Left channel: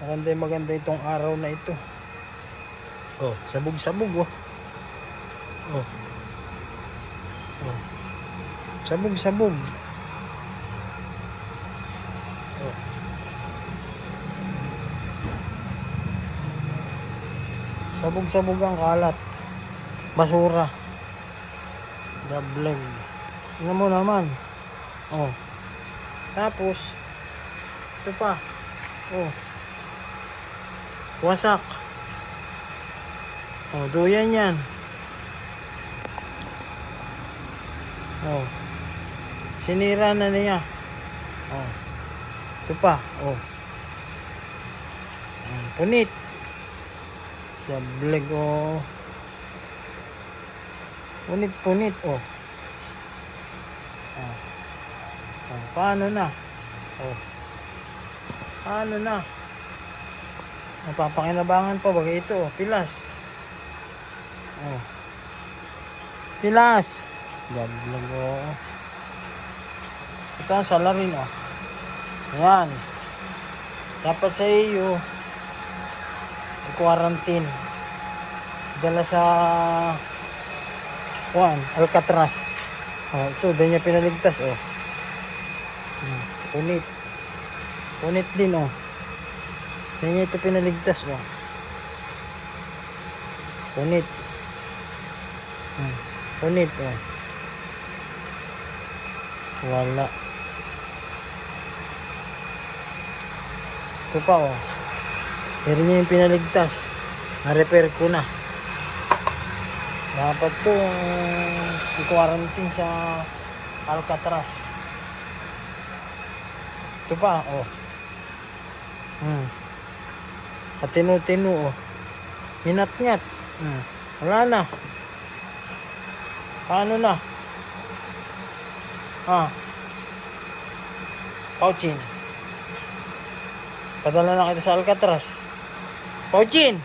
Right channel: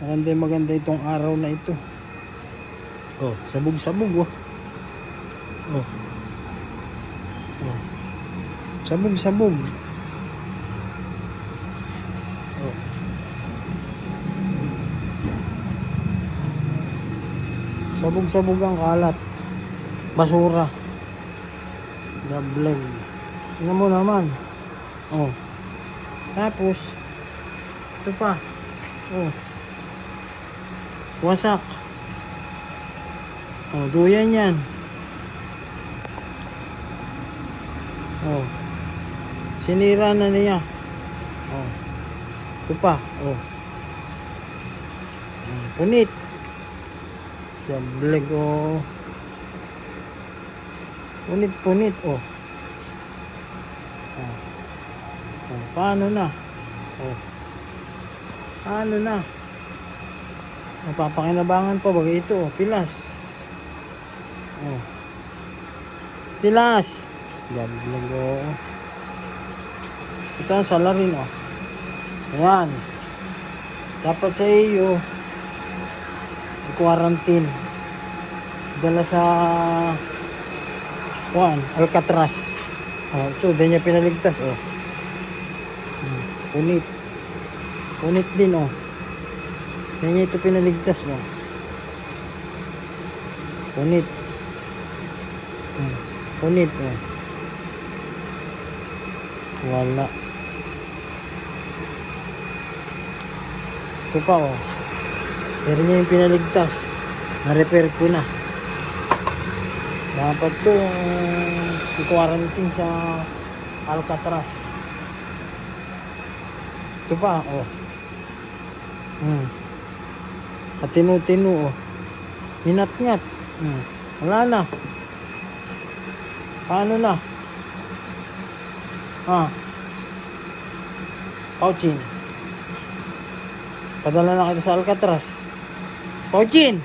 Maganda itong araw na ito. Oh, sabog-sabog oh. Oh. Oh. Sabog-sabog. Oh. Sabog-sabog ang kalat. Basura. Dablog. Tingnan mo naman. Oh. Tapos ito pa. Oh. Wasak. Oh, duyan yan. Oh. Sinira na niya. Oh. Ito pa. Oh. Punit. Sableg oh. Punit. Oh. Oh. Oh. Paano na? Oh. Paano na? Napapakinabangan pa bagay ito. Oh. Pilas. Oh. Pilas. Sableg oh. Ito ang salarin oh. Ayan. Dapat sa iyo quarantine. Dala sa Alcatraz. Oh, ito, din niya pinaligtas oh. Punit. Punit din oh. Din niya ito pinaligtas oh. Punit. Punit oh. Wala. Ito pa oh. Pero niya yung pinaligtas. Na-repair ko na. Dapat ko i-quarantine sa Alcatraz. Ito pa oh. At tinu-tinu oh. Hinat-nyat. Wala na. Paano na? Pauchin. Padala na kita sa Alcatraz. Pauchin!